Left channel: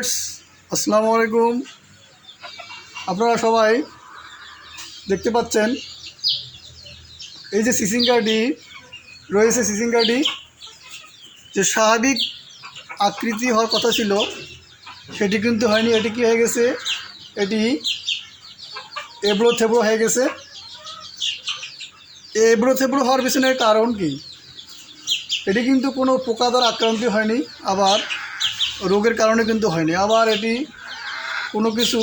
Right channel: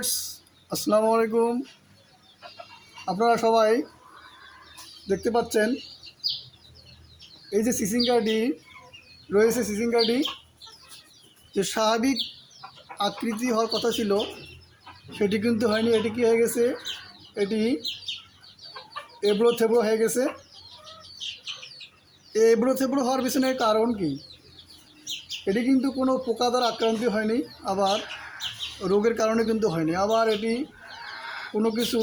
Viewers, আসসালামু আলাইকুম। আপনারা সবাই দেখতে পাচ্ছেন এই যে সিসিঙ্গাটি রয়েছে, সিসিঙ্গাটি যে স্বাভাবিক আকৃতি হওয়ার কথা ছিল সেটি কিন্তু হয়নি। এটি কী হয়ে গেছে? এটি এবড়ো থেবড়ো হয়ে গেছে। এবড়ো থেবড়ো হওয়ার পিছনের কারণ কি? এটি কিন্তু কোনো পোকা দ্বারা আক্রান্ত হয়নি, আবার রোগের কারণে কিন্তু হয়নি, আবার এটি কোনো কিছু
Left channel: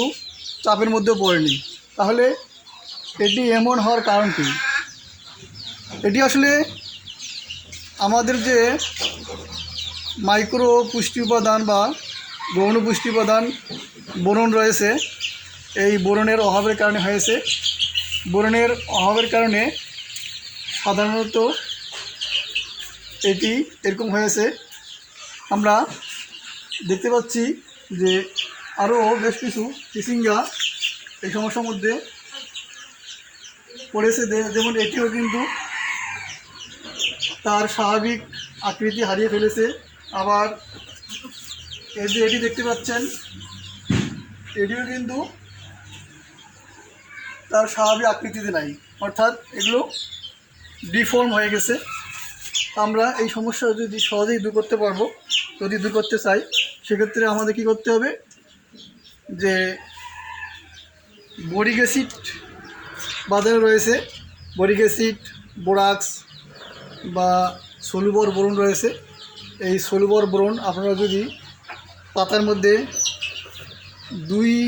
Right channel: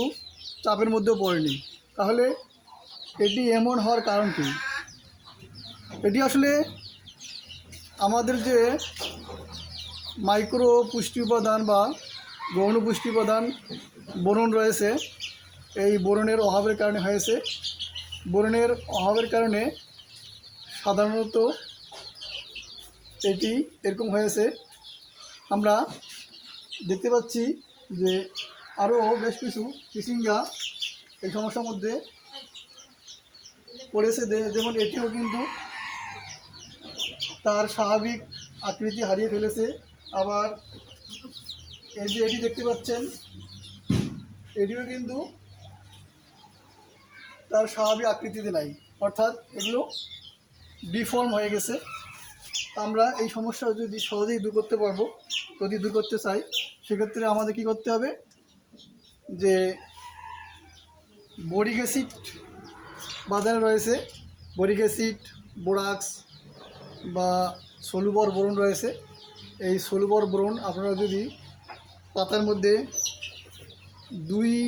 চাপের মধ্যে পড়েনি। তাহলে এটি এমন হওয়ার কারণ কি? এটি আসলে আমাদের যে মাইক্রো পুষ্টি উপাদান বা গৌণ পুষ্টি উপাদান বোরন রয়েছে, এই বোরনের অভাবের কারণে হয়েছে। বোরনের অভাবের কারণে সাধারণত এটি এরকম হয়েছে। আমরা দেখতে পাচ্ছি যে আরও বেশ কিছু চিচিঙ্গা এই সমস্যার মধ্যে পড়েছে। যেমন এটিও কিন্তু তার স্বাভাবিক আকৃতি হারিয়ে ফেলেছে। আবার এই যে এটি দেখতে পাচ্ছেন, এটিও কিন্তু তার স্বাভাবিক আকৃতিতে নাই, অর্থাৎ এগুলো ডিফর্ম হয়ে গেছে। আমরা এই সমস্যা যদি সহজেই দূর করতে পারবো, যদি দূর করতে চাই, সেক্ষেত্রে আমাদের কী করতে হবে? যে বোরিক অ্যাসিড বাজারে রয়েছে, বোরিক অ্যাসিড, বোরাক্স বা সলুবর বোরন রয়েছে। এই সলুবর বোরন আপনারা যদি পাতার মধ্যে 2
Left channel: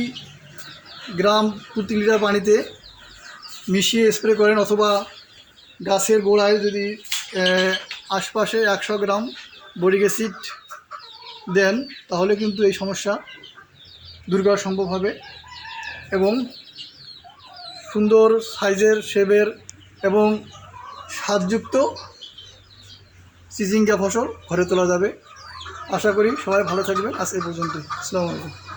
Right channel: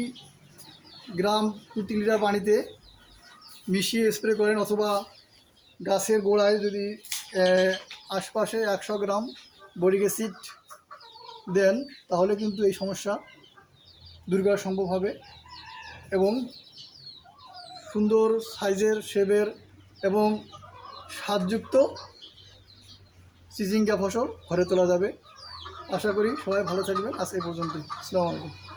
গ্রাম প্রতি লিটার পানিতে মিশিয়ে স্প্রে করেন, অথবা গাছের গোড়ায় যদি আশপাশে 100 গ্রাম বোরিক অ্যাসিড দেন, তাহলে কিন্তু এই সমস্যা দূর করা সম্ভব হবে এবং সুন্দর সাইজের, শেপের এবং স্বাদযুক্ত চিচিঙ্গা ফসল ঘরে তোলা যাবে। আশা করি সবাই ভালো থাকবেন। আজ এই পর্যন্ত। আসসালামু আলাইকুম।